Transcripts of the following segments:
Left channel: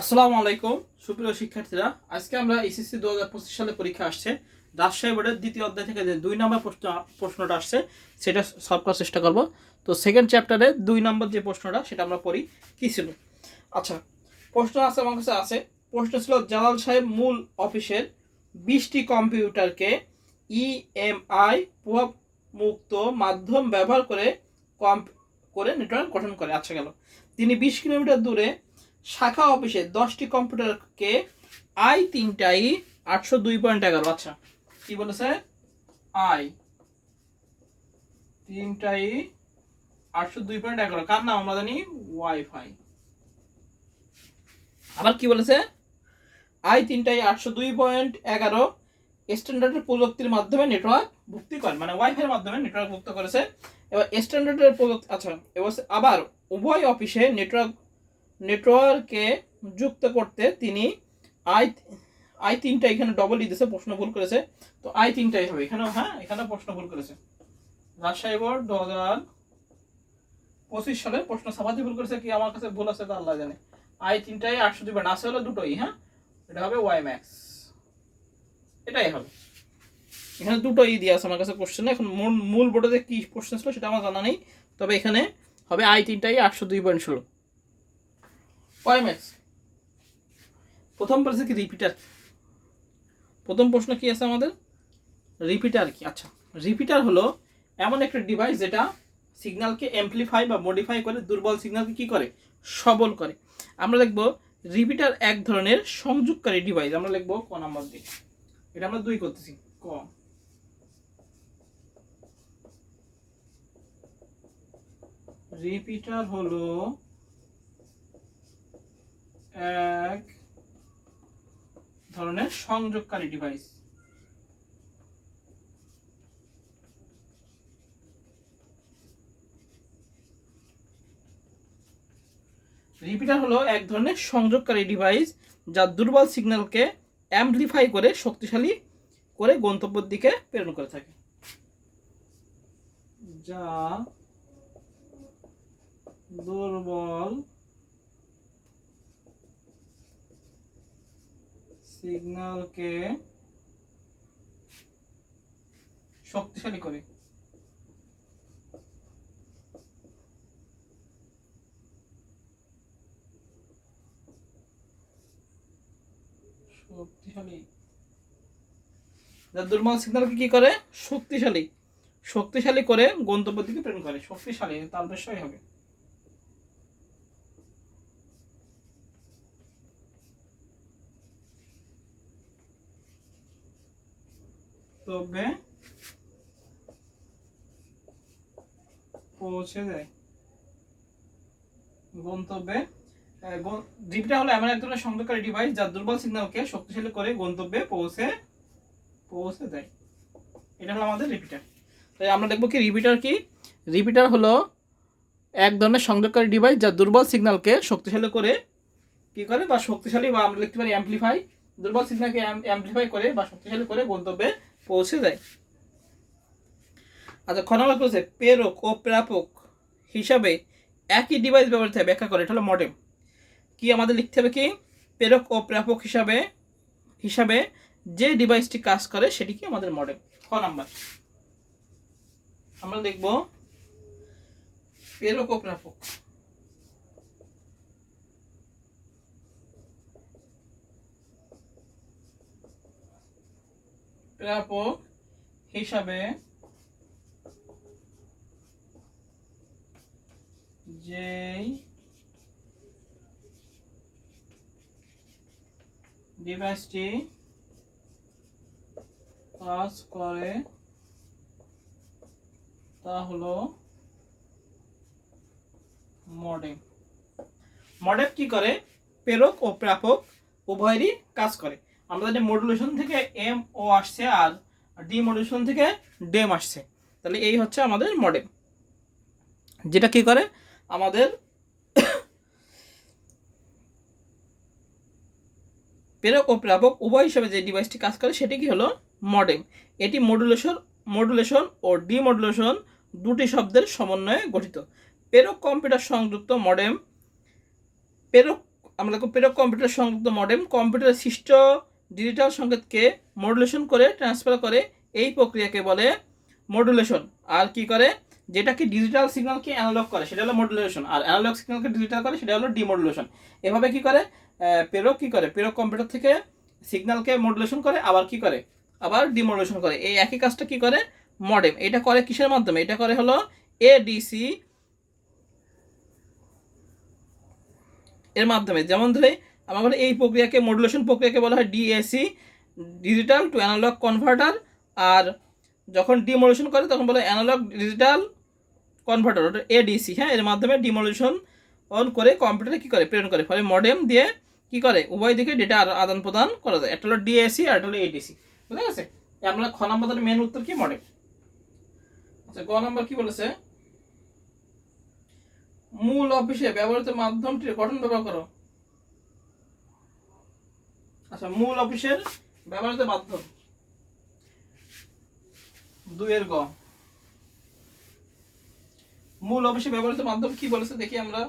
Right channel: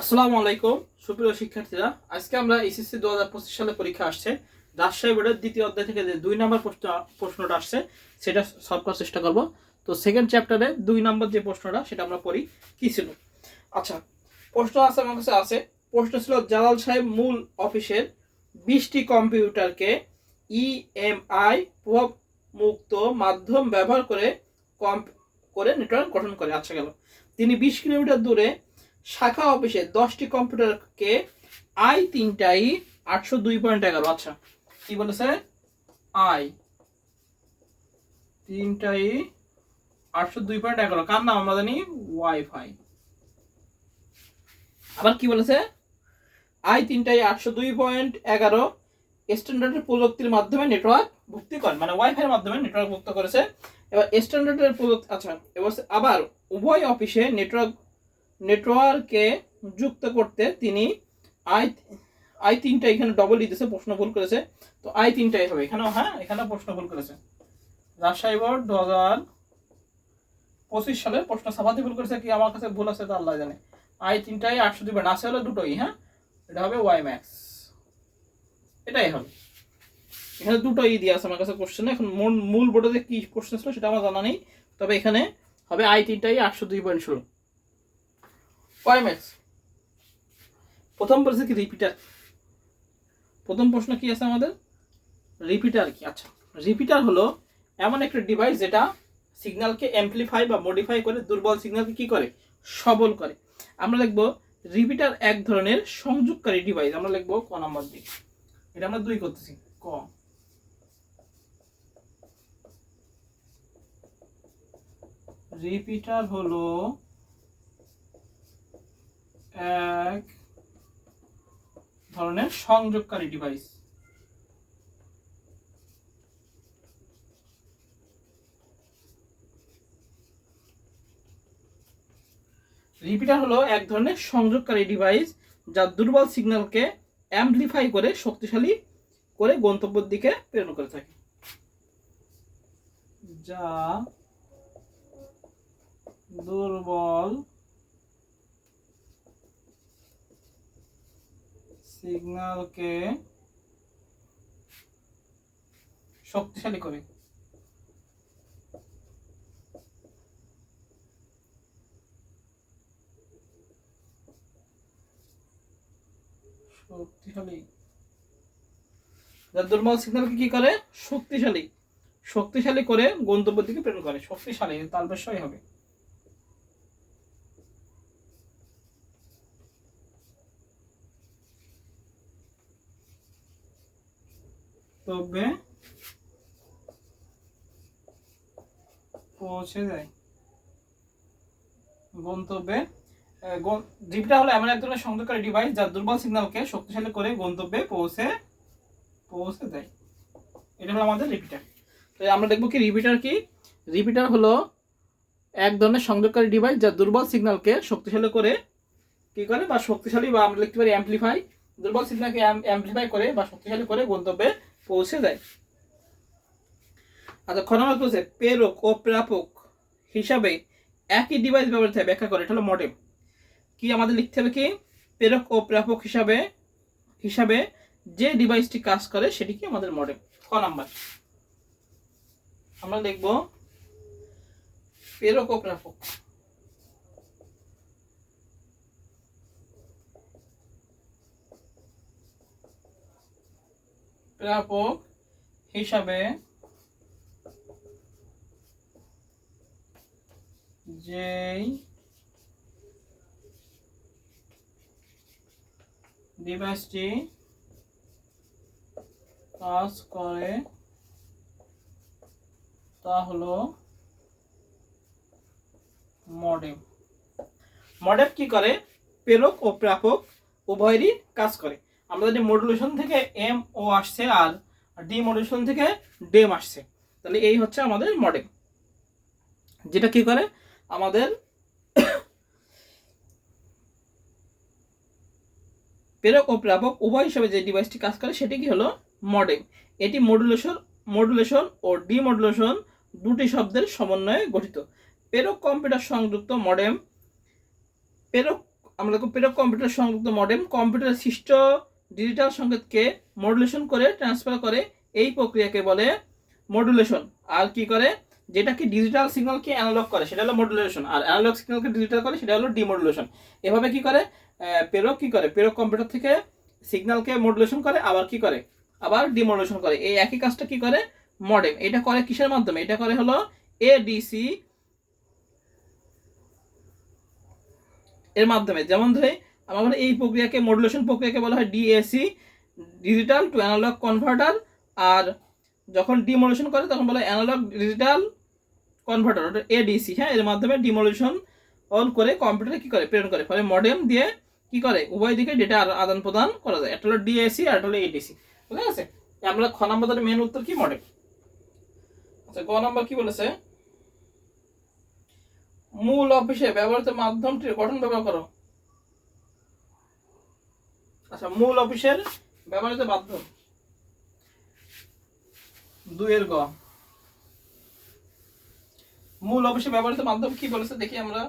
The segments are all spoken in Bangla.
আসসালামু আলাইকুম সুপ্রিয় শিক্ষার্থীরা, আজকে আমরা এসএসসি 2025 সালে পরীক্ষা আসছে রাজশাহী বোর্ডের দ্বিতীয় অধ্যায় থেকে যে 2 নম্বর প্রশ্নটা আসছে সেটা সলভ করার চেষ্টা করব। তো সেকেন্ড চ্যাপ্টারে 2 নম্বর যে প্রশ্নটা সেটা আমরা পড়ি কি ছিল। আচ্ছা, প্রশ্ন আছে আমার কাছে আছে। প্রশ্ন ছিল জালাল সাহেব মূল অফিসের 20টি কম্পিউটারকে ইএমআই প্রভাব মুক্ত মাধ্যম ব্যবহার করে নেটওয়ার্ক গঠন করে। আচ্ছা গেল, তিনি 20 কিলোমিটার দূরে শাখা অফিসে 10টি কম্পিউটারকে i3টাই 802.11। আচ্ছা, কি বলেছে? i3টাই 802.11, কার নাম আমরা জানি? ওয়াইফাই। আবার কি বলেছে? i3টাই 802.11 স্ট্যান্ডার্ডের প্রযুক্তির মাধ্যমে নেটওয়ার্ক ভুক্তি করে, মানে ওয়াইফাই এর মাধ্যমে নেটওয়ার্ক ভুক্ত করেছে। এবার স্ট্যান্ডার্ডের প্রযুক্তি। আচ্ছা, এবার আবার উভয় অফিসে নেটওয়ার্কে যুক্ত করতে তিনি i3টা, এখানে ডবল দিতেছে, প্রশ্ন ভুল করেছে। তো i3টাই হবে এখানে। হ্যাঁ, এখানে প্রশ্ন ভুল করেছে। রাজশাহী বোর্ড 2025 সালের প্রশ্ন ছাপাতে ভুল করেছে, কি আমার কাছে ভুল আছে তা আল্লাহ জানে। i3টাই 802 আছে হলো দুটোই। হ্যাঁ, এটা হবে ওয়াই ম্যাক্স, এটাই হবে। এখানে দুটোই দিয়ে আছে আমার কাছে কোশ্চেন। এখন মূল বোর্ডে কি কোশ্চেন ছিল সেটা আমার জানা নেই, তবে এখানে হবে i3টাই 802.16 ওয়াই ম্যাক্স। প্রথম প্রশ্ন কি রিপিটার। প্রথম প্রশ্ন কি আছে আমাদের? রিপিটার কি? আচ্ছা, রিপিটার হলো এমন একটা ডিভাইস যেটা সিগন্যালকে অ্যাম্পলিফাই বা মডিফাই করে দুর্বল সিগন্যালকে কি করে? সবল করে। আমরা লিখবো রিপিটার এক ধরনের সংযোগকারী ডিভাইস। আমরা লিখবো ক নাম্বার দিয়ে, এটা আমরা 2 করতেছি। ক, রিপিটার হলো এক ধরনের সংযোগকারী ডিভাইস। রিপিটার হলো এক ধরনের সংযোগকারী ডিভাইস যা দুর্বল সিগন্যালকে অ্যাম্পলিফাই করে শক্তিশালী করে গন্তব্যের দিকে প্রেরণ করে থাকে। যা দুর্বল সিগন্যালকে শক্তিশালী করে। শক্তিশালী, যা দুর্বল সিগন্যালকে কি করে? শক্তিশালী করে গন্তব্যের দিকে প্রেরণ করে। শক্তিশালী তার বিষয় হবে। তবে পৌঁছে যায় গন্তব্যে। রিপিটার হলো এমন এক ধরনের সংযোগকারী ডিভাইস যা দুর্বল সিগন্যালকে শক্তিশালী করে গন্তব্যে পৌঁছে দেয়। এটা হলো আমাদের রিপিটার। তাই আমরা দেখবো কি রিপিটার কি? রিপিটার হলো এক ধরনের সংযোগকারী ডিভাইস যা দুর্বল সিগন্যালকে শক্তিশালী করে কি করে, বা শক্তিশালী, বা আমরা লিখতে পারি অ্যাম্পলিফাই, দুর্বল সিগন্যালকে অ্যাম্পলিফাই করে বা শক্তিশালী করে গন্তব্যে পৌঁছে দেয়। আচ্ছা, খ নম্বর বলছে প্রেরক ও প্রাপক হিসাবে একই ডিভাইস ব্যবহৃত হয়, ব্যাখ্যা করে। এটা হলো মডেম। কি আমাদের লিখতে হবে? কি প্রেরক ও প্রাপক হিসাবে যে ডিভাইসটি কাজ করে সেটি কি আমাদের মডেম। খ নাম্বার আমরা লিখব প্রেরক ও প্রাপক। প্রাপক হিসাবে যেই ডিভাইসটি কাজ করে তা হলো মডেম। মডেম কি করে? প্রেরক ও প্রাপক উভয়েরই কাজ করে। আমরা যদি মডুলেশন থেকে এম ও আসছে আর ডিমডুলেশন থেকে ডেম আসছে, তাহলে এই হচ্ছে আমাদের মডেম, যেটা কি করে আমাদের প্রেরক ও প্রাপক উভয় হিসেবে যে ডিভাইসটি কাজ করে সেটি কি হলো মডেম। এটি মডুলেশন ও ডিমডুলেশন দুটি শব্দের সমন্বয়ে গঠিত। প্রেরক কম্পিউটার সংযুক্ত মডেম প্রেরক আমরা দেখো প্রেরক কম্পিউটার সংযুক্ত মডেম কম্পিউটারের সৃষ্ট ডিজিটাল সংকেতকে মডুলেশন করে ট্রান্সফার করে, এই প্রক্রিয়াকে বলে মডুলেশন। আর কি করে, যেটা কি ডিজিটাল সিগন্যালকে অ্যানালগ করে সেটা হলো মডুলেশন, আর অ্যানালগ সিগন্যালকে ডিজিটাল করে সেটা হলো ডিমডুলেশন। এভাবে কি করে প্রেরক কি করে, প্রেরক কম্পিউটার থেকে সিগন্যালকে মডুলেশন করে, আবার কি করে, আবার ডিমডুলেশন করে। এই একই কাজটা কি করে মডেম। এটা করে কিসের মাধ্যমে, এটা করে হলো এডিসি এর মাধ্যমে। যেমন ধরে আমরা বলি এই প্রক্রিয়াকে মডুলেশন প্রক্রিয়াকে বলা হয় DAC, digital to analogue converter. আর যখন ডিমডুলেশন করে তখন বলে অ্যানালগ ডিজিটাল কনভার্টার, ওটা এডিসি। হ্যাঁ, এর মাধ্যমে ডিমডুলেশন অন করে কম্পিউটারে কি করে প্রেরণ করে, ফলে মডেম দিয়ে কি করে উভয় দিকে ডেটা আদান প্রদান করা যায়। একটা হলো ডিএসি আর একটা হলো এডিসি। বুঝা গেছে? আমরা খ নম্বর মেন উত্তর কি মডেম। আচ্ছা, গ নম্বর কি বলেছে, মূল অফিসে ব্যবহৃত মাধ্যমটির গঠন ব্যবহার করো। আচ্ছা, মূল অফিসের ব্যবহৃত মাধ্যম 2 এর গ। মূল অফিসে ব্যবহৃত মাধ্যম কি বলেছে দেখি আমরা,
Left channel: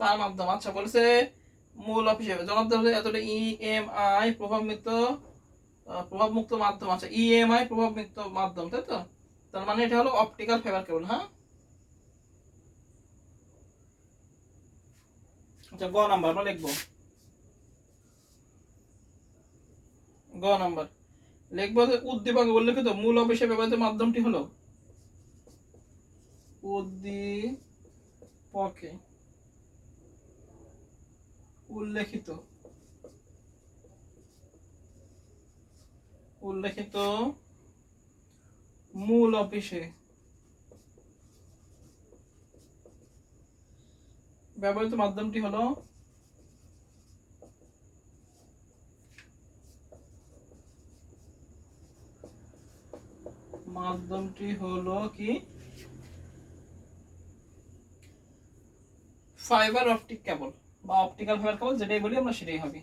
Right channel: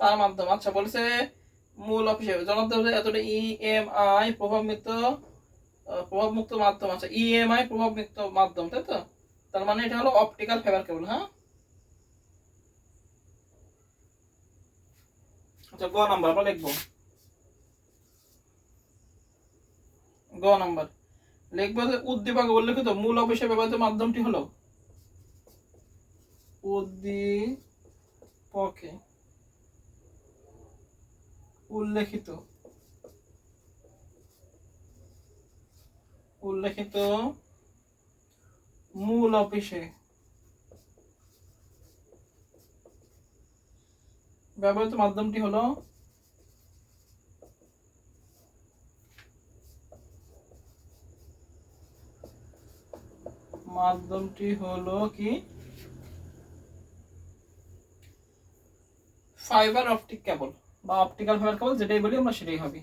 তার মাধ্যম। আচ্ছা, বলেছে মূল অফিসে জনতা এতটা ইএমআই প্রভাবমুক্ত মাধ্যম। আচ্ছা, ইএমআই প্রভাবমুক্ত মাধ্যম, তাই তো? তার মানে এটা হলো অপটিক্যাল ফাইবার কেবল। হ্যাঁ, আচ্ছা, গ নাম্বার আমরা লিখবো। গ নাম্বার লিখবো যে উদ্দীপকে উল্লেখিত মূল অফিসে ব্যবহৃত মাধ্যমটি হলো, উদ্দীপকে উল্লেখিত মূল অফিসে ব্যবহৃত মাধ্যমটি হলো কি ফাইবার অপটিক কেবল বা অপটিক্যাল ফাইবার কেবল, যেটাই বলি আমরা সেটাই হবে।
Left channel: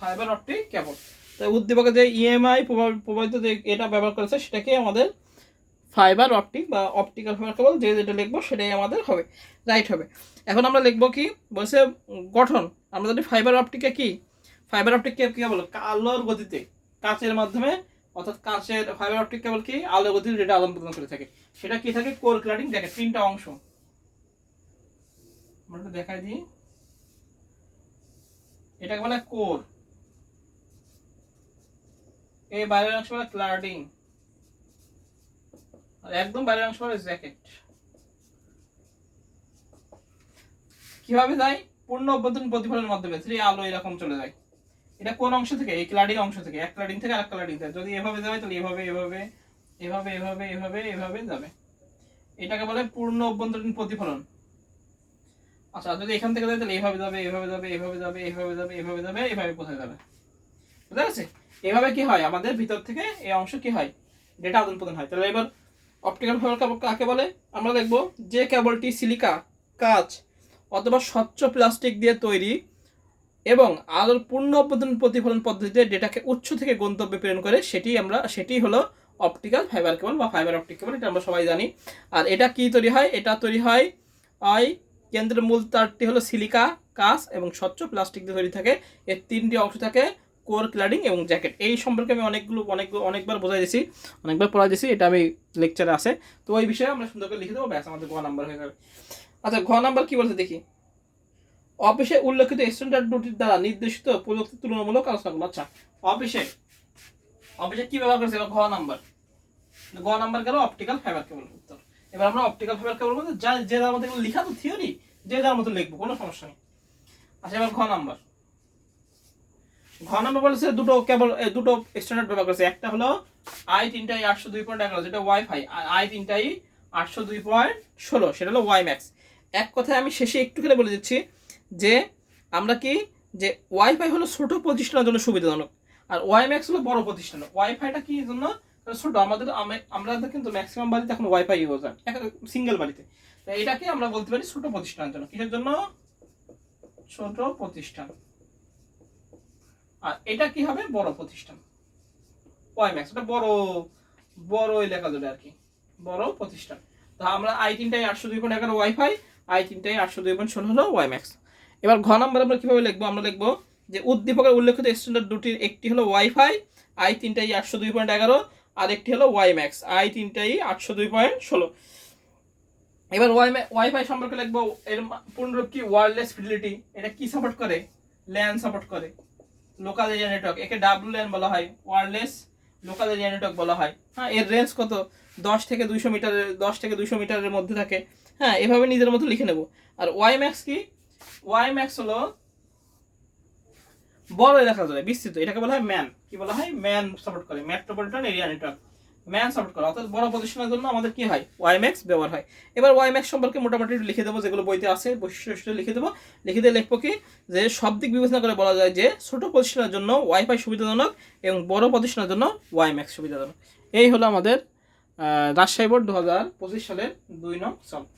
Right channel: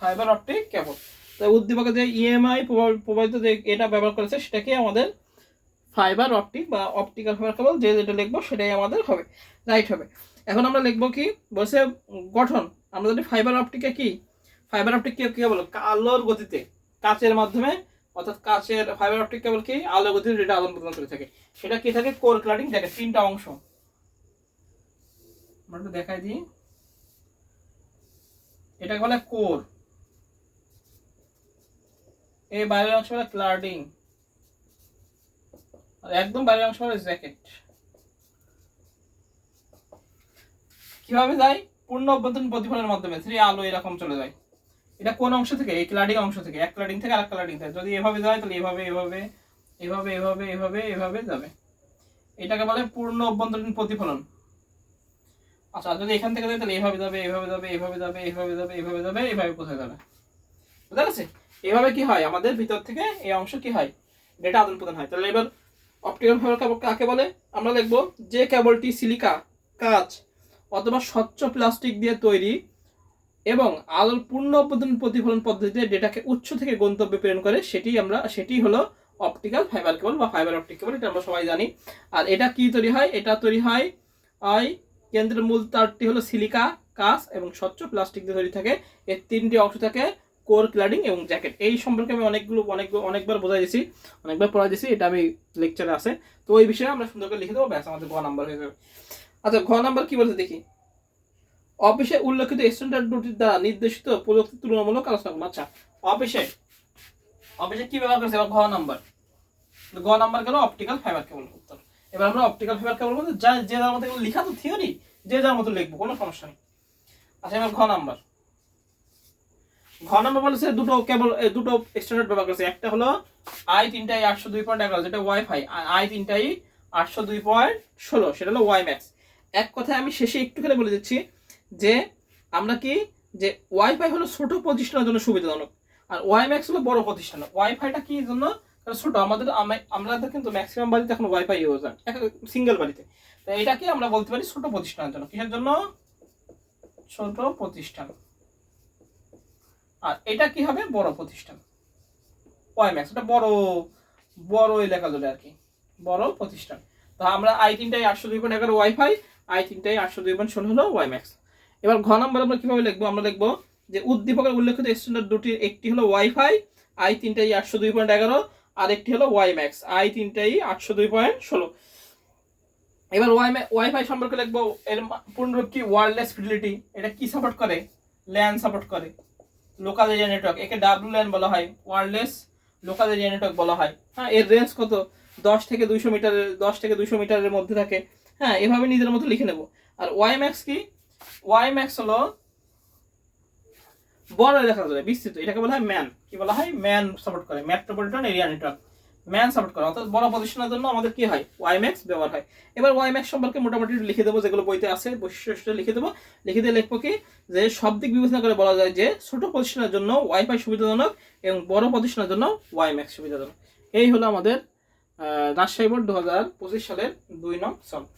Fibre optic cable. তাই উদ্দীপকে যে ইএমআই প্রভাবিত যে এটা ব্যবহার করেছে সেটাকে আমাদের ফাইবার অপটিক বা অপটিক্যাল ফাইবার কেবল, যেটা লিখবো সেটাই আমাদের হবে, রাইট হবে। এখন আমরা লিখবো কি বলছে গঠন। আমরা যদি ফাইবার অপটিকে কি, ফাইবার অপটিক কি বলো, আলোর গতিতে কাচের মাধ্যমে, অর্থাৎ কাচের ফাইবার অপটিক কেবল কি আলোর গতিতে যেটা আদান প্রদান করে থাকে, সেটা কি থাকে কোর ক্লাডিং। দেখে 3টা অংশ আমরা দেখাই দিই। এটাকে বলে কোর, এই বাইরের অংশ বলে ক্লাডিং, আর একদম বাইরের অংশ বলে জ্যাকেট। কিভাবে যায়, পূর্ণ অভ্যন্তরীণ প্রতিফলনের মাধ্যমে আলো এরকম চলে যায়। এটা কোন অংশ থেকে, এই ক্লাডিং অংশ থেকে, এক ক্লাডিং থেকে আরেক ক্লাডিং থেকে। যদি এভাবে যায় তাহলে এভাবে এভাবে এভাবে এভাবে এভাবে এভাবে যাবে, এটাকে বলে পূর্ণ অভ্যন্তরীণ প্রতিফলন। আচ্ছা, যদি এখান থেকে যায় তাহলে এভাবে যাবে এভাবে যাবে এভাবে যাবে এভাবে যাবে এভাবে যাবে এভাবে কোথায় যাবে, বুঝতে পারছি? এভাবে কি হয় আমাদের ভিতর থেকে এই অংশ কি হয় ডেটা আদান প্রদান হয়। তাহলে এবার অপটিক্যাল ফাইবার কেবল কাকে বলে, আমরা দেখব যে কেবলটি সিলিকা, কাঁচ অথবা স্বচ্ছ প্লাস্টিক দিয়ে তৈরি এবং আলোর পূর্ণ অভ্যন্তরীণ প্রতিফলন পদ্ধতিতে ডেটাকে উৎস থেকে গন্তব্যে প্রেরণ করে, সেটি হলো অপটিক্যাল ফাইবার কেবল বা ফাইবার অপটিক কেবল। এটা আমরা সবাই জানি। আর এটা কি তৈরি হয়, এটা তৈরি হয় কেন্দ্রের মূল তারটি হলো সিলিকা, কাঁচ এবং স্বচ্ছ প্লাস্টিক দিয়ে তৈরি থাকে। এর 3টি অংশ থাকে, কোর, ক্লাডিং এবং জ্যাকেট। এই সম্পর্কে আমি অনেকবার বোঝাই দিয়েছি, অনেকবার পড়াই দিয়েছি, এটা আমি লেকচারে আছে। তো ওই বিষয়ে আমরা সুন্দর করে লিখে দেবো, ব্যাস আমাদের গ নাম্বার হয়ে যাবে। আচ্ছা, ঘ নাম্বার কি বলছে দেখি, অফিসে উল্লেখিত স্ট্যান্ডার্ড দুটির দ্বারা নির্দেশিত প্রযুক্তি তুলনামূলক আলোচনা করবো। আচ্ছা, অফিসে কি ব্যবহার করেছে, ঘ নাম্বার গেল অপটিক্যাল ফাইবার কেবল উত্তর। এবার আমরা অপটিক্যাল ফাইবার কেবল বলতে যে যার মতো লেখা তো থিওরি, যে যার মতো লিখবো, কোনো সমস্যা নেই। আচ্ছা, এবার ঘ নাম্বার বলেছে দুটো স্ট্যান্ডার্ড ব্যবহার করেছে। একটা হলো i3i 802.11 যেটা ওয়াইফাই, আর i3i 802.16 সেটা হলো ওয়াই ম্যাক্স। এক কথায় আমি শেষে একটু করে বলে দিচ্ছি যে আমরা কি, যে ওয়াইফাই হলো ছোট প্রতিষ্ঠানের জন্য সুবিধাজনক, আর ওয়াই ম্যাক্স হলো বড় প্রতিষ্ঠান। ওয়াইফাইটা কি জন্য ছোট, আমরা কিন্তু ম্যাক্সিমাম বাড়িতে এখন ওয়াইফাই ইউজ হয়, সিঙ্গেল বাড়িতে। তো এটাকে আমরা বলতে পারি ছোট প্রতিষ্ঠানের জন্য। কিসের জন্য, ছোট প্রতিষ্ঠান। আর এটা কি হবে, বড় প্রতিষ্ঠান। ওয়াই ম্যাক্স, ওটা বড় বড় এলাকা ধরে আর কি, বড় প্রতিষ্ঠান। তো আমরা i3টাই 802.11 ওয়াইফাই, i3টাই 802.16 হলো ওয়াই ম্যাক্স। এবার ঘ নম্বর আমরা কিভাবে লিখবো, আমরা লিখবো যে উদ্দীপকের উল্লেখিত স্ট্যান্ডার্ড দুটির একটি হলো ওয়াইফাই i3টাই 802.11 আর একটি হলো ওয়াই ম্যাক্স i3টাই 802.16। এবার ওয়াইফাই সম্পর্কে লিখবো, এর পূর্ণরূপ কি, ওয়্যারলেস ফিডেলিটি। এটা কি সাপোর্ট করে, ল্যান সাপোর্ট করে, লোকাল এরিয়া নেটওয়ার্ক, একে WLAN বলা হয়, ওয়্যারলেস লোকাল এরিয়া নেটওয়ার্ক বলা হয়। হ্যাঁ, এর রেঞ্জ কত, 10 থেকে 200 মিটারের, 10 থেকে 200 মিটারের মধ্যে থাকে। হ্যাঁ, এভাবে নিজের মতো লিখে নেব। আর ওয়াই ম্যাক্স কি, ওয়াই ম্যাক্স হলো বড় এলাকা জুড়ে বিস্তৃত, এটাকে বলা হয় ম্যান, কি বলা হয়, ম্যান সাপোর্ট করে, metropolitan area network, man support করে। অর্থাৎ বড় প্রতিষ্ঠানের জন্য আমাদের কি হয়, ওয়াই ম্যাক্স ব্যবহার হয়। এবার ওয়াই ম্যাক্স সম্পর্কে মোটামুটি লিখে দেবো, যেগুলো বইতে আছে বৈশিষ্ট্য লিখে দেবো। লিখে দিয়ে লিখবো কি, যে সব দিক বিবেচনা করে বলা যায় যে ছোট প্রতিষ্ঠানের জন্য ওয়াইফাই সুবিধাজনক এবং বড় প্রতিষ্ঠানের জন্য ওয়াই ম্যাক্স সুবিধাজনক। এই হলো আমাদের রাজশাহী বোর্ড 2025 সালের 2 নং সলভ।